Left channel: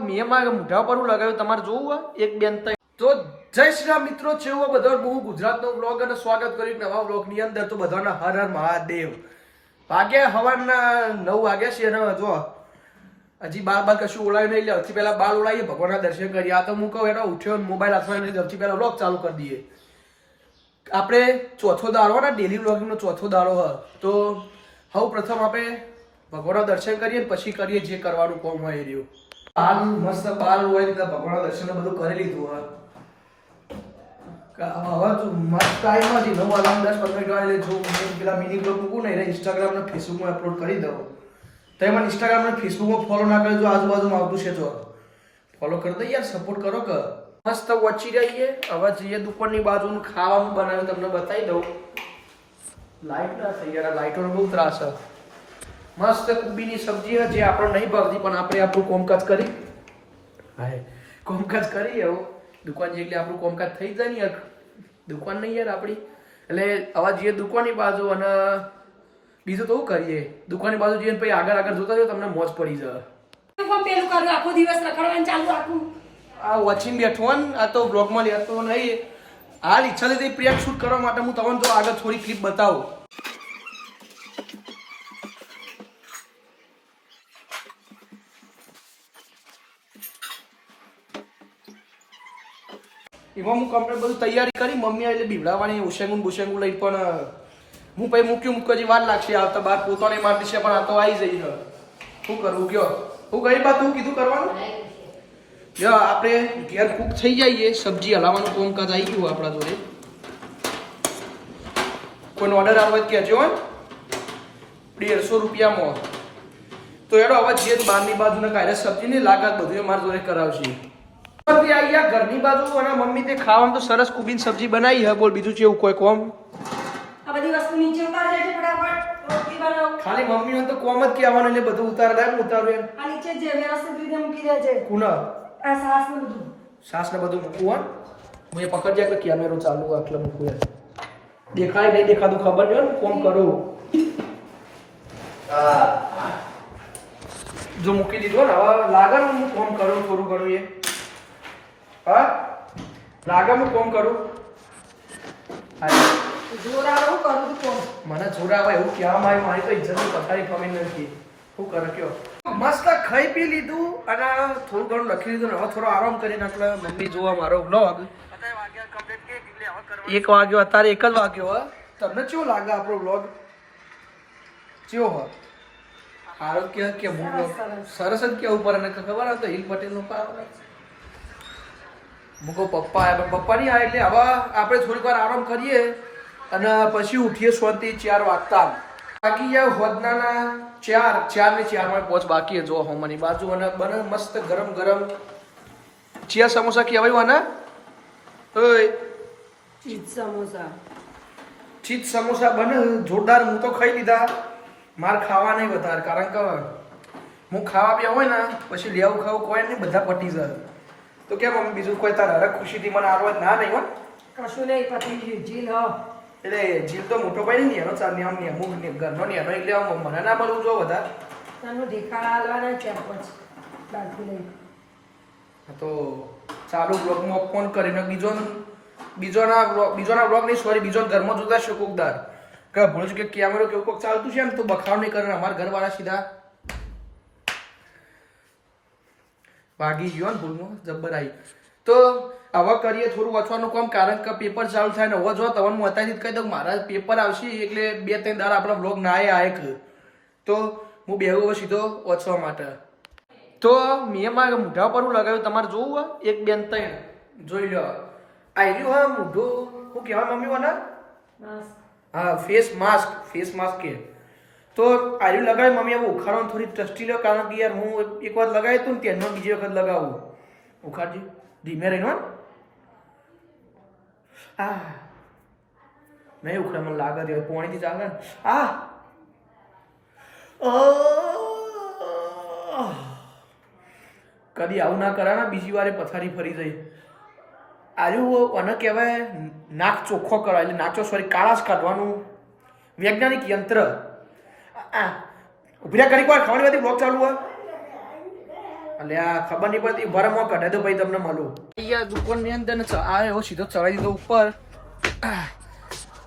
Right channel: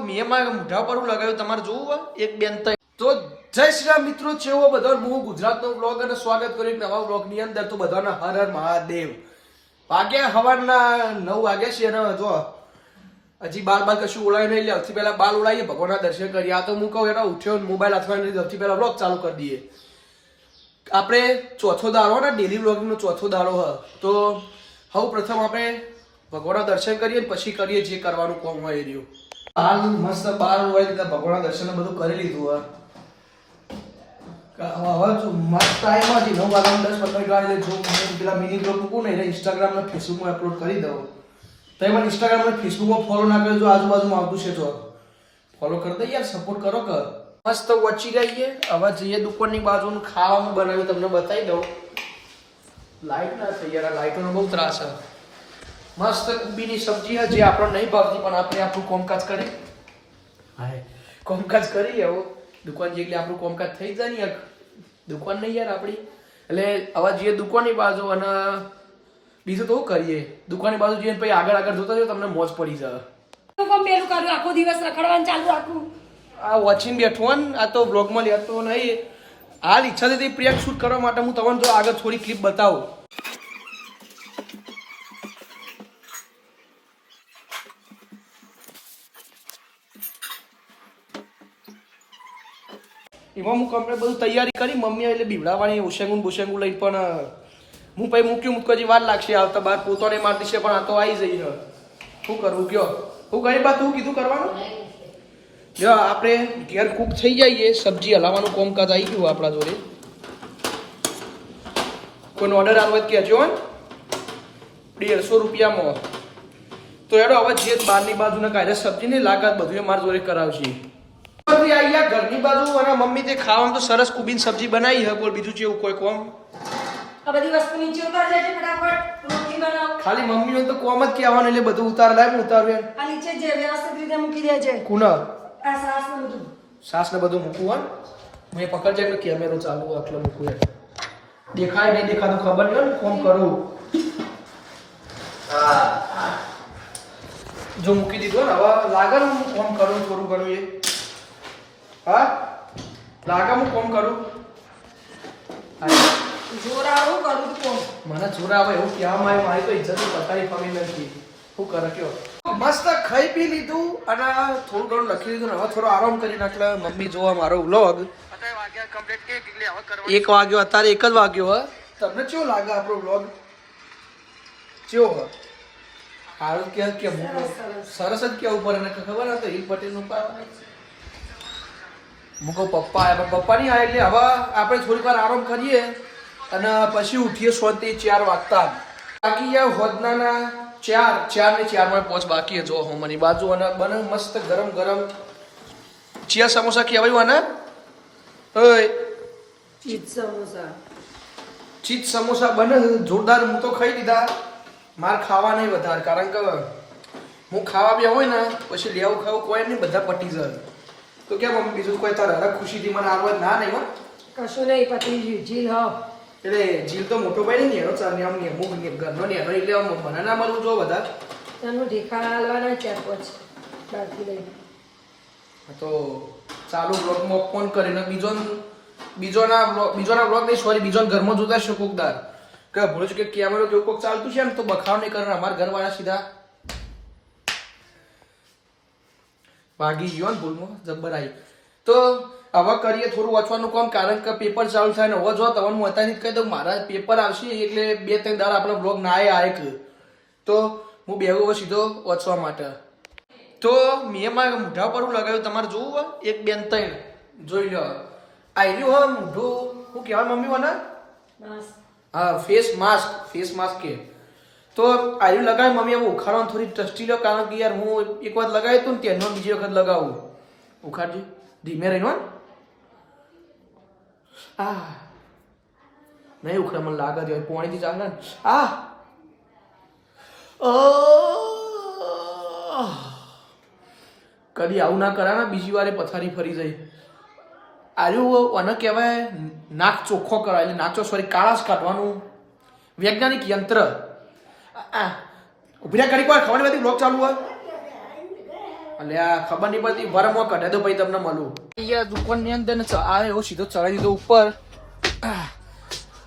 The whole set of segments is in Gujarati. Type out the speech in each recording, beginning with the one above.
મેં મોઢા પર હું લગાવ્યું તમારે જોવું હોય? એક બેન તો જય શ્રી રામ મિત્રો, જેવો બધો બહુ ગુજરાતનો બ્લોગ અને સ્વાગત કર્યું નવા વ્લોગની અંદર, તો બધાને હર હર મહાદેવ. વાગ્યા સવારના નવ વાગ્યા છે અને જો હજી બાર બાર કશું ઓળાય નહીં લે સૌથી પહેલા બાર ઓળાવીએ ભગવાનના દર્શન કરીએ. આ તો હું કહું એટલે ઉઠ્યો મોબાઈલ અથવા સૌથી પહેલાં વ્લોગ ચાલુ કરી દઈએ. આપણે ચોથો દાડો ને ડેલી વ્લોગિંગનો ચોથો દાડો હ. તો સૌ પ્રથમ આપણે ભગવાનના દર્શન કરીએ પછી કરીએ જે કરવાનું કોમ હોય એ રહ્યું. હાલ મસ્ત બાર હોય ત્યાં ભગવાનના દર્શન બધું કરી લીધું હોય. હવે જો મસ્ત ટાઈમ હજી નવ વાગ્યા દસ પંદર ગાડી જો પેલા મિની ગ્રુપ મૂકું ને એટલે ઇન્સ્ટાગ્રામ ને ફેસબુકમાં અપલોડ કરી દઉં. તો મને ઇન્સ્ટાગ્રામ ને ફેસબુકમાં ફોલો ના કરજો આજુબાજુમાં આવતું છે તો. ફોલો કરી દઈએ યાર સપોર્ટ કરો કર મસ્ત વચી જઈએ, હવે જઈએ દુકાનની બાજુ ખાવાનું બનાવ્યું, તમને બતાવી દઉં. લાઈટ ના થઈ યાર, આ લાઈટોનો બહુ ત્રાસ છે. મસ્ત કુબીની સબ્જી છે જે આપણને નહીં ભાવતી પણ આપણે આપણું કોમકાજ કરી. હા કોમકાજ કરી આવો. દુકાન જેટલી આપણું કોમકાજ થઈ જાય ને દુકાન નહીં યાર આપણી. એટલે આવા જઈએ દુકાનની બાજુ અને બીજું તો કરીએ. દુકાનની બાજુ જઈએ પછી આગળ આગળ જોતા જાઓ તમને મોજ પડી જાય. પેલું કર્યું આખો દિવસ રખડવાનું ચાલુ આખું આ વોચિંગ બેઠો ને આ તો બ્લોગમાં લેતો નહીં. હાલ ઈચ્છા થતી પ્રિયા શૂટ કરવા માટે હું તમને જો આગળ થોડી ક્લિપ બતાવું. એમાં હું કમ્પ્લીટ બધું તૈયારી કરી મમ્મી એટલે બીવડાવવાની ઉશેંગું બુશેંગું લઈ પણ હું પછી મૂક્યું, મૂક્યો હજી વાર લાગશે આવતા બાર પોતાને માર છે, પણ આ તો આવી જઈ છે. શું કરવું, કયો? હું કઈ બાત હું કીધું કરવાનું? જો, આપણે ઘેર કુક થઈ જઈએ, સબ્જી હલાવવાનું કોમકાજ આવી ગયું આપણા જોડે. કોઈનો ઓર્ડર આવે કહેજો ને દેડસો રૂપિયામાં. તો એનો હવે જે બહારની બાજુના કાયદે સબ્જી નહીં લાગત બધું મારા જોડે કરાવશે. બધી આવી ગયા ઘરની બાજુ અને મમ્મી તે ખાવામાં તો સરસ કુબીન સબ્જી બનાવી હે બોલ બીજું જેવું કોઈ કોમ? આ બધી વસ્તુ નીચે ઉતારી દેજો ફટાફટ. રોટલી બનાવ. ખાલી મમ્મી હોય તો કોમ જ કહેવાનું એટલે બધું ઉતાર લાય ઉતારવું આ નીચે જે વ્યવસ્થિત રીતે મૂકી દેજે. કુનર? આ સાસ ને બધું. સાસ ને બધું મૂકવું હોય? હું એ પકડજે એટલે કેમેરો ચાલુ આટલે મૂકું યાર દેખાય નહીં દેખાતું ખબર નહીં ને કોમ કરું. જો મૂકી દીધું ને હવે લાગે ને હું કોમ કરું થોડું ઘણું એ. હા? લાગે હું કોમ કરું? મને જોર આવે કરું તું કોમ. મને જોરા એવું ક્યાં મારી મારી તો ઇજ્જતની પતાવી ફરી નથી શું કરે કયો? મસ્ત ખાઈ પી લીધું અને થોડું ઘણું લખી લીધું હવે થોડો આરામ કરી નાખલે મમ્મી જોવા મારો વ્લોગ એક વાગ્યો અત્યારે એક જ વાગ્યો હ. તમને કેવું લાગે આપણો વ્લોગ કેવો હ? આરોગ્ય કે કે હું સરસ જ કે ઉપર અને ખબર હતો હિલ પટેલનું. મૂકો પપ્પા આવ્યા પણ પપ્પા નહીં આવ્યા એટલે હવે આપણે થોડીક વાર આરામ કરીએ અને પછી ઉઠીએ શાંતિ ચાર વાગતા બાકી યાર હોદનાના ચાર ચાર ને ચારમાં પહોંચ બાકી જો હોમની બાજુ અને બને મસ્ત ગરમ ગરમ ચિયા સમોસા કહેવાય આના? ઓય. ચીજ સમોસા. ચીજ સમોસા બને જોરદાર હું તો ખાઈ લીધા. માર ખાવા નહીં વધારે કારણ કે હું ખાવા બી હોય ને પછી લેવું ખાવું કોઈ નહીં બધા પટી જાય. તો કેમ મમ્મી બીજું કોઈ તારે હરખ ખુશીથી મને આવવા ના નહીં હોય કશું નહીં પતી ગયું જી લાવ એટલે જીલ તો મોટો ભાઈ નહીં એનો ચાર નિયમ નિયમ મુખ નિયમ ઘરનો નિયમ એટલે આમ મને ના મળવું જો વધારે. તને ઢેકા હાલવાના ચાર પાંચ બાકી લઈને. હા તો ચાલુ બ્લોગમાં ફોન કરીને બીજો બીજોના બ્લોગ બીજોના બ્લોગ નહીં સોરી બીજો ઘરમાં જોતા છે કોકદાર કે છું કે કેમેરો કેવું કોક ચાલતું છે ને તો બખાવ નહીં કરે અમારા ઘરવાળા સીધા ભાગી ગયો ને ભૂલમાં જબ્બર આવી. તો હવે કરીએ થોડું વાંચવાનું કામ કારણ કે પેપર ચાલુ થાય ને હવે જો તમને હું અત્યારથી કહી દઉં મારા પેપર આવશે એટલે બે ત્રણ દાડા આપણા બ્લોગ ના આવે એક. તો હું બે હવે સીધો વાંચવા માટે. તો મેં મારા મૂઢા પર હું લગાવ્યું તમારે જોવું હોય? એક બેન ત્રણ. જોઈ લો. આવ્યું હા મૂઢું. હું કહેવાય મમ્મી મને? હા ફેસ માસ્ક ફેસ માસ્ક કે. તો આયુ લગાવી મમ્મી, હવે ઉખાડવાનું થોડી ટ્રસ્ટી લો, કારણ કે યાર હું એક વાર લગાવી હતું ને તેનો બીજી વખત લગાવું. ઉખાડજી. ધીમે રહીને આ. નહીં ઉખડે, મને લાગે છે પોણીથી ચાલે ને. આ. કદી આવું ના કરા ને, બીજી વારે પથારી ફરી જઈ. આર્યું અને કહેવાય નાક ચોખ્ખો કરાય, એટલે નાચો સોરી, કાળાશ કાઢવાનું વૈજ્ઞાનિક યંત્ર. ઊભી રહ્યા કોઈ ખબર નથી બ્લોક ચાલુ હોય. એટલે આ ખબર નહીં પડતી, ભરમ કઢે તો ભાઈ તમને મળું. અહીંયા દુકાનની અંદર ને ચ- આ એવો સીધો ચડાવી દીધો ઉપર.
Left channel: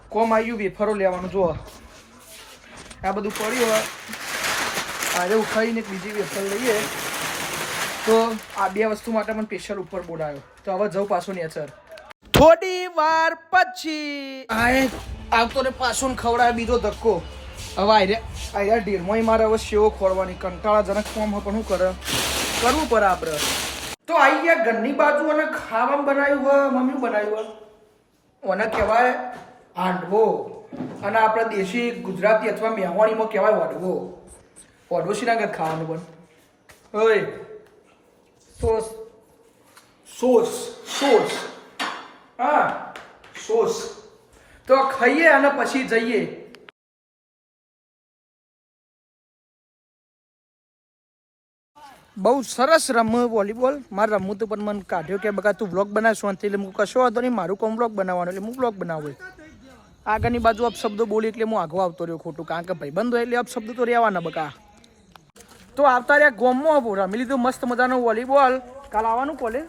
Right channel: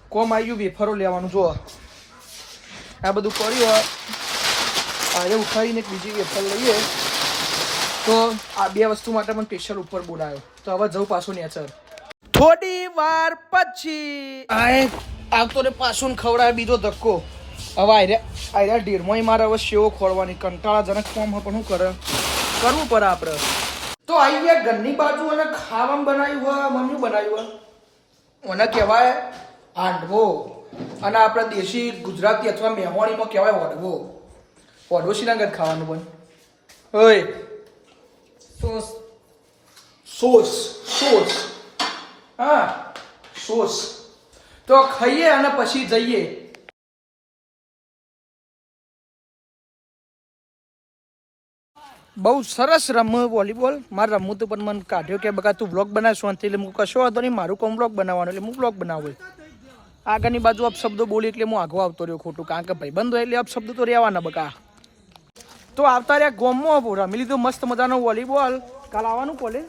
કોમ આવ્યું વેફરો લેવાનું જો આ બધું પડ્યું આજે ઉઠાવીને બીજી વેફર લઈએ. તો આ બે વસ્તુ માટે મને સ્પેશિયલ ઉપર બોલાયો. તો હવે જવું પાછું નેચર. થોડી વાર પછી આવતો રે પાછું ને ખવડાવે બીજો ધક્કો. હવે આર્યા આર્યા ઢેરમાંય મારે હવે શેવો ખોળવાની કંટાળાજનક ફોર્મ પણ શું કરે? કરવું પડે આપણે તો આવી ગયા ઘરની બાજુ અને ખાવામાં બનાવ્યું હોય મમ્મી બનાવ્યું હોય. મને કહેવાય હાંડવો. અને આપણે દેશી ગુજરાતી અથવા મેહવાણીમાં કહેવાય વડવો વડવો શ્રીનગર ખાવાનું પણ ઓય. સોસ. સોસ. સોસ. હા. સોસ. તો ખાઈએ અને પછી જઈએ. બહુ સરસ રમ વોલીબોલ. મારે રમવું તો પણ મને કાઢ્યો કે, બકા, તું બ્લોગ બનાવ અંતે એટલે હું કશો વાંધો નહીં, મારું કોમ બ્લોગ બનાવવાનું એટલે હું બ્લોગ બનાવું. આગળની બાજુ અપશબ્દો બોલી એટલે હું આગો આવતો રહ્યો ખોટું, કારણ કે ભાઈબંધો એટલે અપશબ્દો તો રહેવાના બકા. તો આવતા રહ્યા ગોમમાં રમી લીધું મસ્ત મજાનો વોલીબોલ. કાલ આવવાનું કોલેજ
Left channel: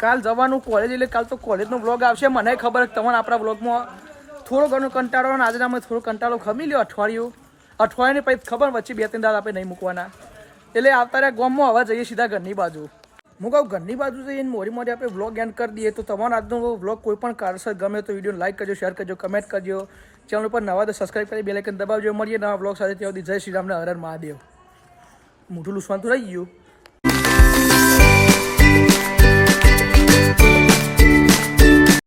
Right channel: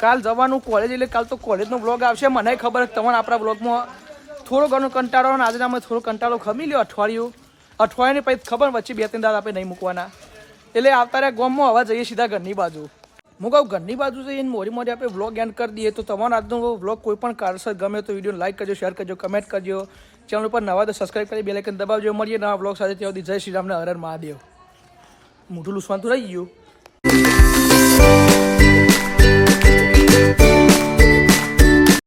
કાલ જવાનું કોલેજ એટલે કાલ તો કોલેજનો બ્લોગ આવશે. મને ખબર તમને આપણા બ્લોગમાં થોડો ઘણો કંટાળો અને આજે અમે થોડો કંટાળો ખમી લ્યો અઠવાડિયું. અઠવાડિયાની પછી ખબર, વચ્ચે બે ત્રણ દાડા આપણે નહીં મૂકવાના. એટલે આવતા રહ્યા ગોમમાં, હવા જઈએ સીધા ઘરની બાજુ. હું કહું, ઘરની બાજુ જઈને મોરી મોરી આપણે વ્લોગ એન્ડ કરી દઈએ તો તમારો આજનો વ્લોગ કોઈ પણ કારણસર ગમે તો વીડિયો લાઇક કરજો શેર કરજો કમેન્ટ કરજો. ચેનલ ઉપર નવા તો સબસ્ક્રાઈબ કરી બેલેકન દબાવજો. મળીએ નવા વ્લોગ સાથે ત્યાં સુધી. જય શ્રી રામને હર હર મહાદેવ. મોઢું લુસવાનું રહી ગયું.